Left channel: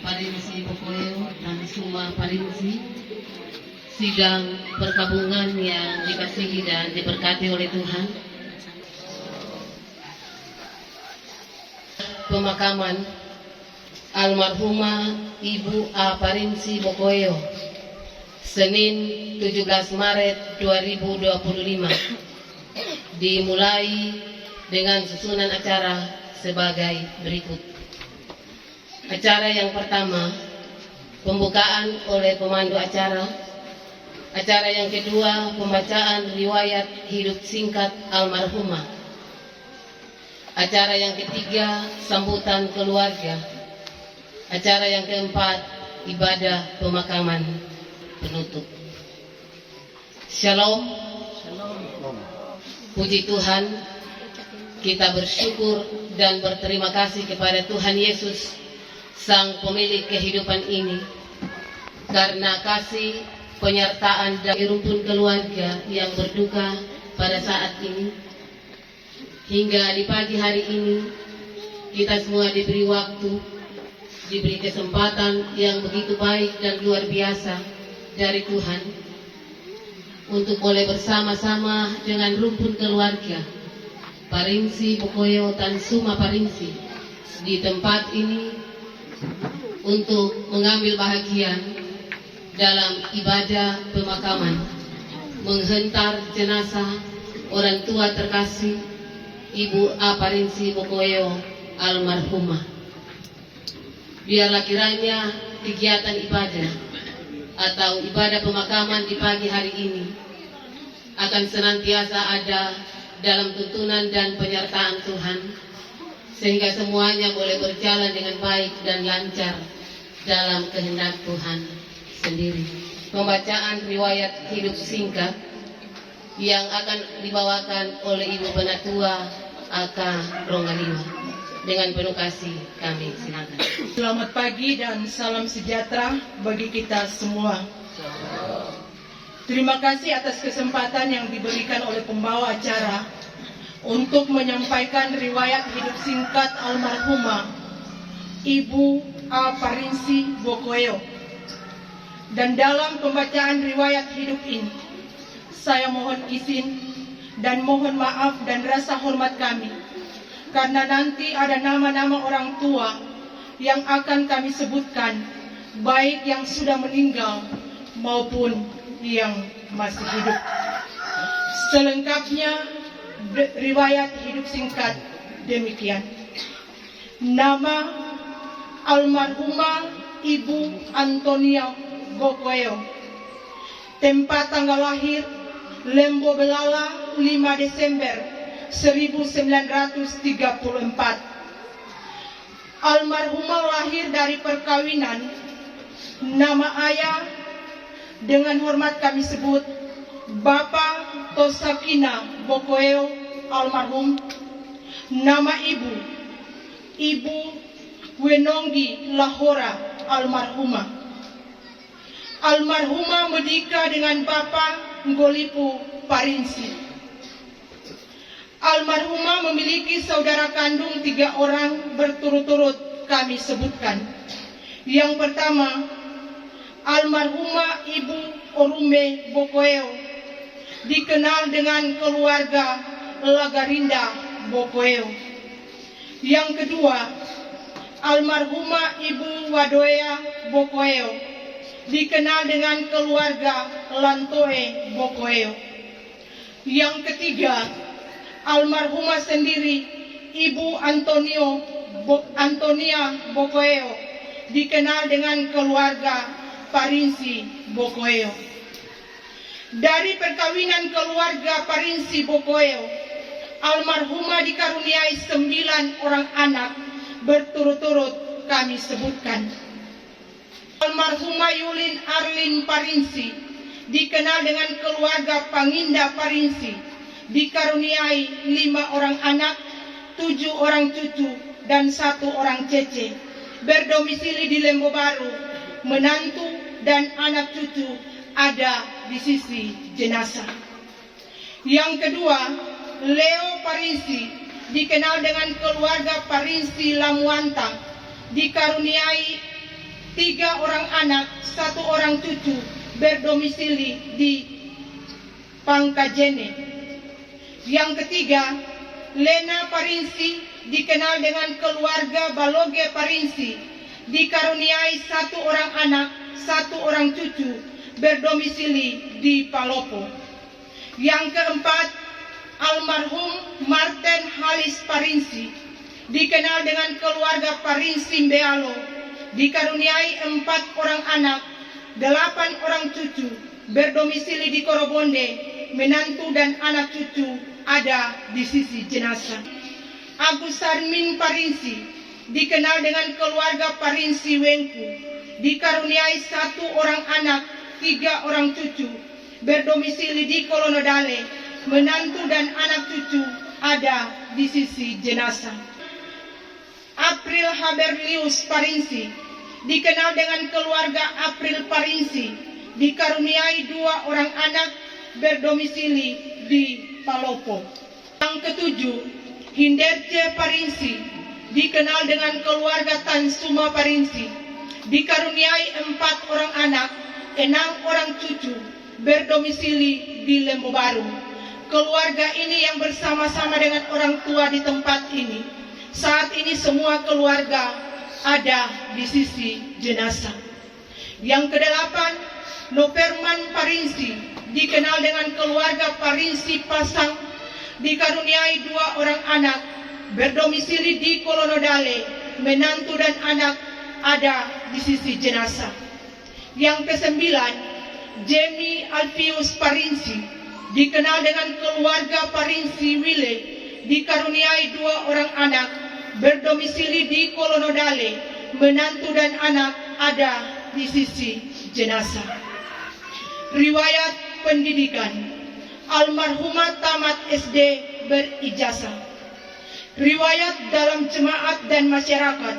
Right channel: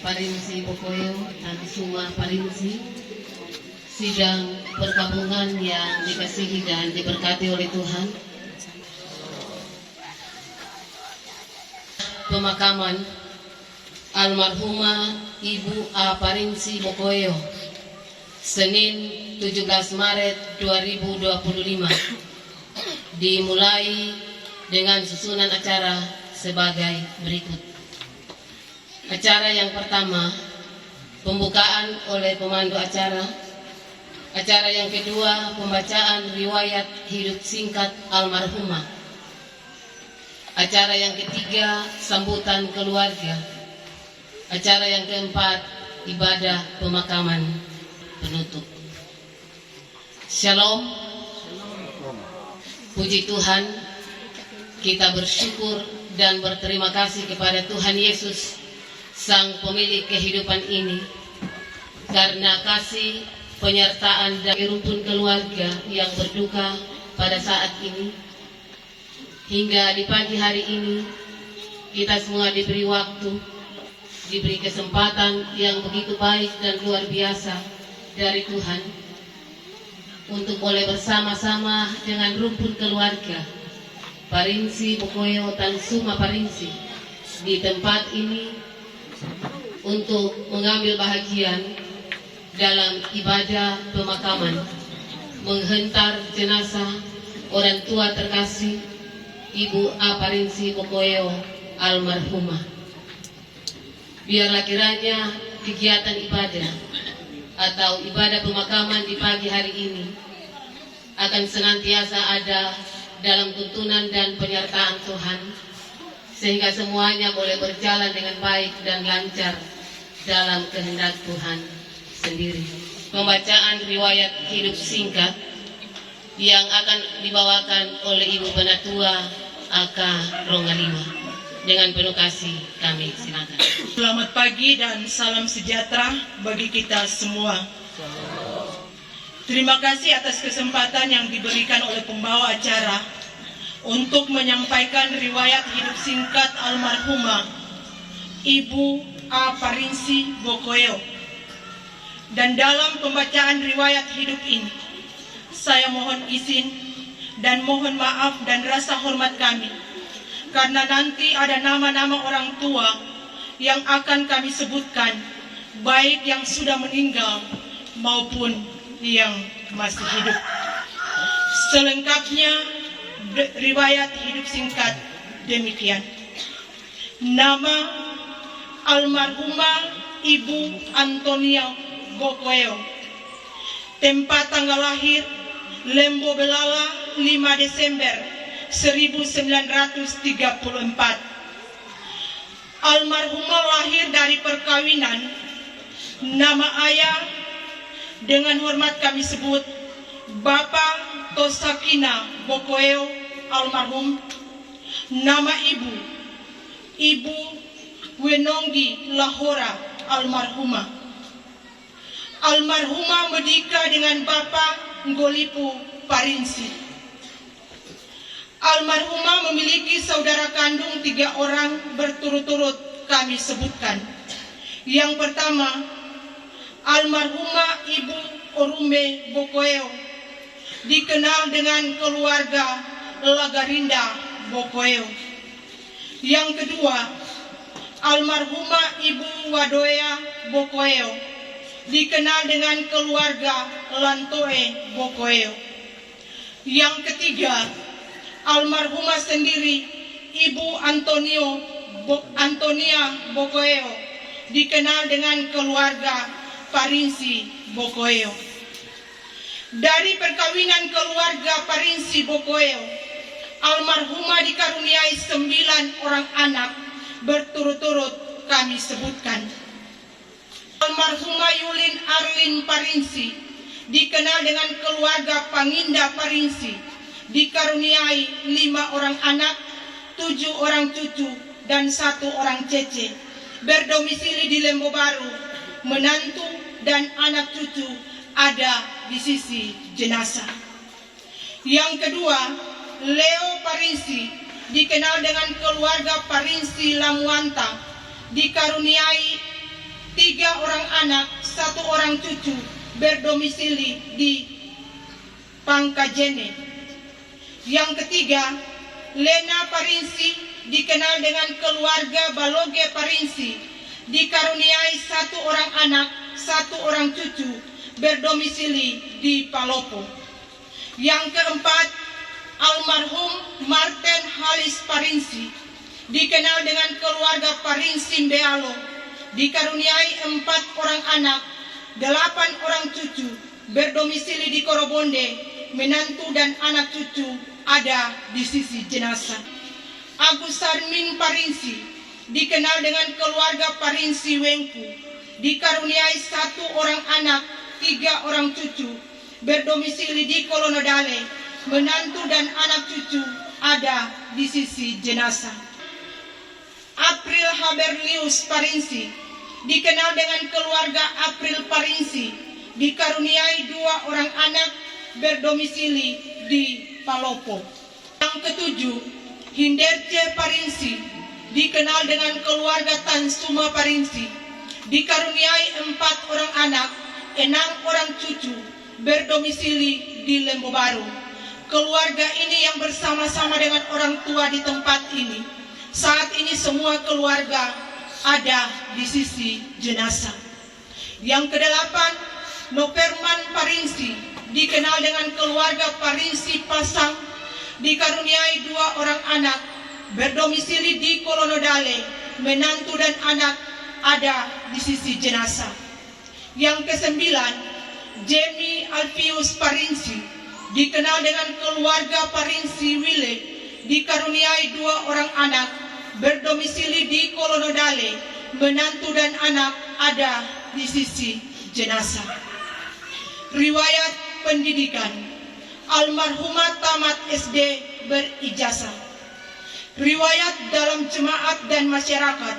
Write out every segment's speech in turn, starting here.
Parinsi Bokoyo dan Suma Parinsi, sidang perkabungan yang dikasihi dan diberkati oleh Tuhan. Pemakaman almarhumah Ibu A. Parinsi Bokoyo, Senin 17 Maret 2025, dimulai dengan susunan acara sebagai berikut. Acara yang pertama, pembukaan oleh pemandu acara. Acara yang kedua, pembacaan riwayat hidup singkat almarhumah. Acara yang ketiga, sambutan keluarga. Acara yang keempat, ibadah pemakaman penutup. Shalom. Puji Tuhan, kita bersyukur dan berterima kasih kepada Tuhan Yesus, Sang Pemilik kehidupan ini, karena kasih, penyertaan dari rumpun keluarga yang berduka pada saat ini. Hingga di pagi hari ini, kita semua diberi waktu, diberi kesempatan yang begitu baik dan luar biasa dari Tuhan untuk boleh bersama-sama dengan rumpun keluarga Parinsi Bokoyo dan Suma Parinsi di tempat ini untuk mengambil bahagian dalam ibadah pemakaman, menghentar jenazah orang tua terkasih Ibu A. Parinsi Bokoyo almarhumah. Biarlah kiranya kegiatan ibadah atau ibadah pemakaman di pagi hari ini akan senantiasa ada dalam tuntunan dan penyertaan Tuhan, sehingga semuanya boleh berjalan dengan baik dan lancar dalam kehendak Tuhan sendiri. Pembacaan riwayat hidup singkat yang akan dibawakan oleh Ibu Penatua Aka Ronggalima. Dengan penuh kasih kami silakan. Selamat pagi dan salam sejahtera bagi kita semua. Terima kasih atas kesempatan yang diberikan oleh pembawa acara untuk menyampaikan riwayat hidup singkat almarhumah Ibu A. Parinsi Bokoyo. Dan dalam pembacaan riwayat hidup ini, saya mohon izin dan mohon maaf dan rasa hormat kami, karena nanti ada nama-nama orang tua yang akan kami sebutkan, baik yang sudah meninggal maupun yang masih hidup. Selengkapnya, riwayat hidup singkat demikian. Nama almarhumah Ibu Antonia Bokoyo. Tempat tanggal lahir Lembo Belala 5 Desember 1934. Almarhumah lahir dari perkawinan. Nama ayah dengan hormat kami sebut Bapak Tosakina Bokoyo almarhum. Nama ibu Ibu Wenonggi Lahora almarhumah. Almarhumah menikah dengan Bapak Ngolipu Parinsi. Almarhumah memiliki saudara kandung 3 orang berturut-turut kami sebutkan. Yang pertama, almarhumah Ibu Orume Bokoyo, dikenal dengan keluarga Lagarinda Bokoyo. Yang kedua, almarhumah Ibu Wadoya Bokoyo, dikenal dengan keluarga Lantoe Bokoyo. Yang ketiga, almarhumah sendiri Ibu Antonia Bokoyo, dikenal dengan keluarga Parinsi Bokoyo. Dari perkawinan keluarga Parinsi Bokoyo, almarhumah dikaruniai 9 orang anak berturut-turut kami sebutkan. Almarhumah Yulin Arlin Parinsi, dikenal dengan keluarga Panginda Parinsi, dikaruniai 5 orang anak, 7 orang cucu, dan 1 orang cece, berdomisili di Lembo Baru. Menantu dan anak cucu ada di sisi jenazah. Yang kedua, Leo Parinsi, dikenal dengan keluarga Parinsi Lamuanta, dikaruniai 3 orang anak, 1 orang cucu, berdomisili di Pangkajene. Yang ketiga, Lena Parinsi, dikenal dengan keluarga Baloge Parinsi, dikaruniai 1 orang anak, 1 orang cucu, berdomisili di Palopo. Yang keempat, almarhum Martin Halis Parinsi, dikenal dengan keluarga Parinsi Mbealo, dikaruniai 4 orang anak, 8 orang cucu, berdomisili di Korobonde, menantu dan anak cucu ada di sisi jenazah. Agus Sarmin Parinsi, dikenal dengan keluarga Parinsi Wengku, dikaruniai 1 orang anak, 3 orang cucu, berdomisili di Kolonodale, menantu dan anak cucu ada di sisi jenazah. April Haberlius Parinsi, dikenal dengan keluarga April Parinsi, dikaruniai 2 orang anak, berdomisili di Palopo. Yang ketujuh, Hinderce Parinsi, dikenal dengan keluarga Tan Suma Parinsi, dikaruniai 4 orang anak, 6 orang cucu, berdomisili di Lembu Baru. Keluarga ini yang bersama-sama dengan orang tua di tempat ini. Saat ini semua keluarga ada di sisi jenazah. Yang kedelapan, Noperman Parinsi, dikenal dengan keluarga Parinsi Pasang, dikaruniai 2 orang anak, berdomisili di Kolonodale, menantu dan anak ada di sisi jenazah. Yang kesembilan, Jamie Alfius Parinsi, dikenal dengan keluarga Parinsi Wile, dikaruniai 2 orang anak, berdomisili di Kolonodale, menantu dan anak ada di sisi jenazah. Riwayat pendidikan, almarhumah tamat SD berijazah. Riwayat dalam jemaat dan masyarakat,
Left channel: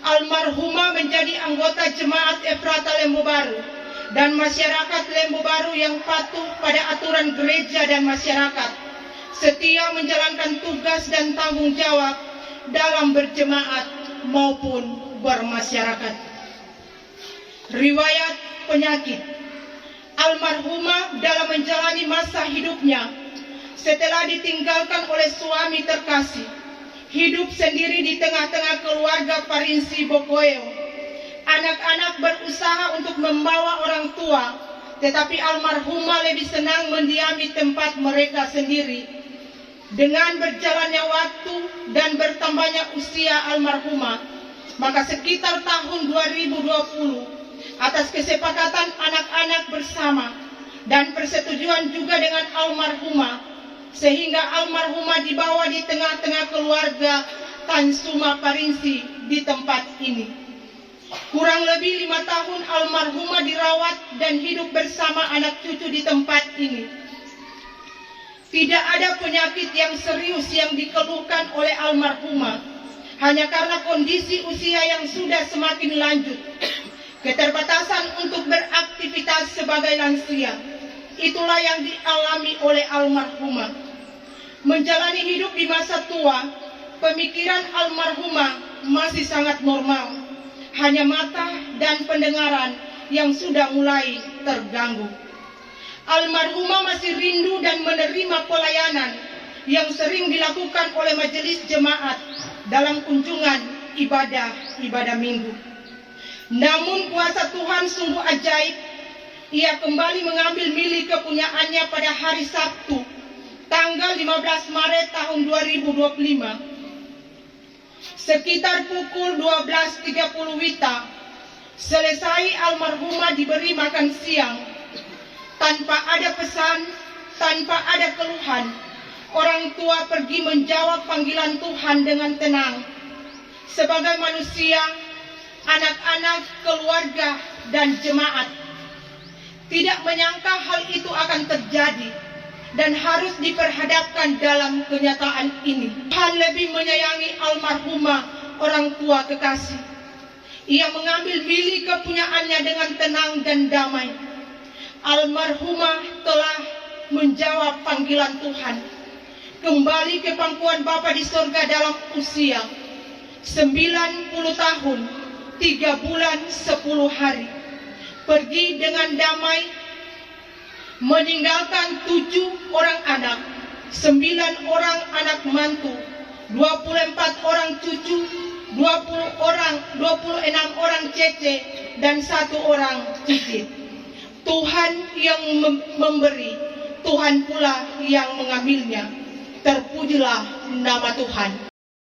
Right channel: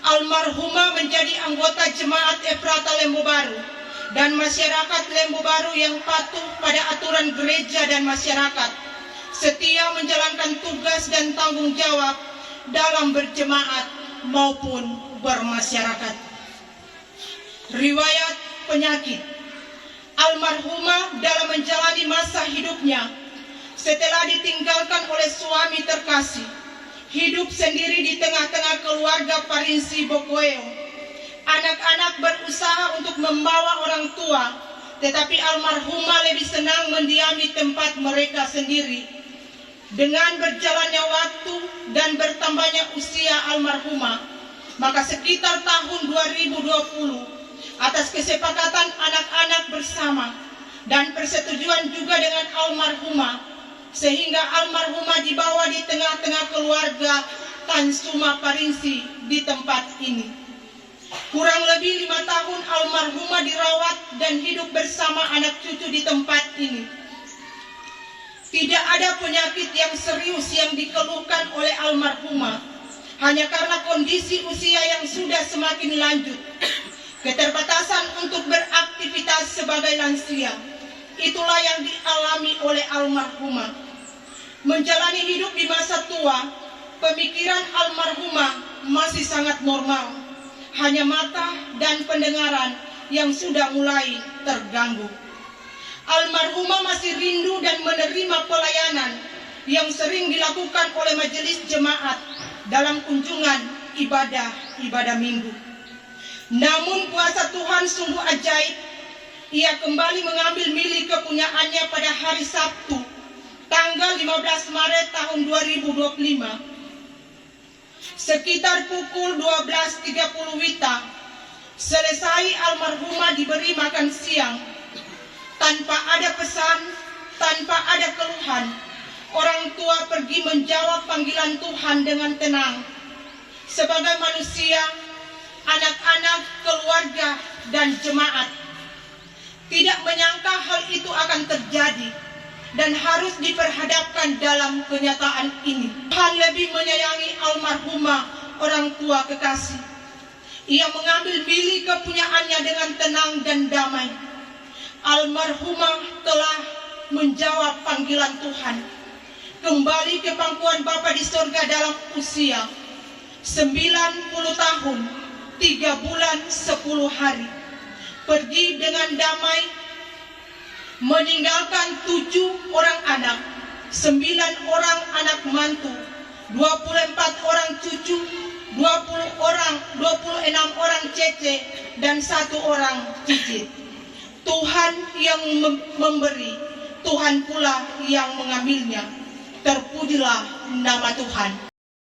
almarhumah menjadi anggota jemaat Efrata Lembu Baru dan masyarakat Lembu Baru yang patuh pada aturan gereja dan masyarakat, setia menjalankan tugas dan tanggung jawab dalam berjemaat maupun bermasyarakat. Riwayat penyakit, almarhumah dalam menjalani masa hidupnya setelah ditinggalkan oleh suami terkasih, hidup sendiri di tengah-tengah keluarga Parinsi Bokoeo. Anak-anak berusaha untuk membawa orang tua, tetapi almarhumah lebih senang mendiami tempat mereka sendiri. Dengan berjalannya waktu dan bertambahnya usia almarhumah, maka sekitar tahun 2020, atas kesepakatan anak-anak bersama dan persetujuan juga dengan almarhumah, sehingga almarhumah dibawa di tengah-tengah keluarga Tan Suma Parinsi di tempat ini. Kurang lebih 5 tahun almarhumah dirawat dan hidup bersama anak cucu di tempat ini. Tidak ada penyakit yang serius yang dikeluhkan oleh almarhumah, hanya karena kondisi usia yang sudah semakin lanjut, keterbatasan untuk beraktivitas sebagai lansia. Itulah yang dialami oleh almarhumah. Menjalani hidup di masa tua, pemikiran almarhumah masih sangat normal. Hanya mata dan pendengaran yang sudah mulai terganggu. Almarhumah masih rindu dan menerima pelayanan yang sering dilakukan oleh majelis jemaat dalam kunjungan ibadah minggu. Namun kuasa Tuhan sungguh ajaib. Ia kembali mengambil milik kepunyaannya pada hari Sabtu, tanggal 15 Maret tahun 2025. Sekitar pukul 12.30 WITA, selesai almarhumah diberi makan siang. Tanpa ada pesan, tanpa ada keluhan, orang tua pergi menjawab panggilan Tuhan dengan tenang. Sebagai manusia, anak-anak, keluarga, dan jemaat tidak menyangka hal itu akan terjadi dan harus diperhadapkan dalam kenyataan ini. Tuhan lebih menyayangi almarhumah orang tua kekasih. Ia mengambil milik kepunyaannya dengan tenang dan damai. Almarhumah telah menjawab panggilan Tuhan kembali ke pangkuan Bapa di surga dalam usia 90 tahun, 3 bulan, 10 hari. Pergi dengan damai, meninggalkan 7 orang anak, 9 orang anak mantu, 24 orang cucu, 26 orang cece, dan 1 orang cicit. Tuhan yang memberi, Tuhan pula yang mengambilnya. Terpujilah nama Tuhan.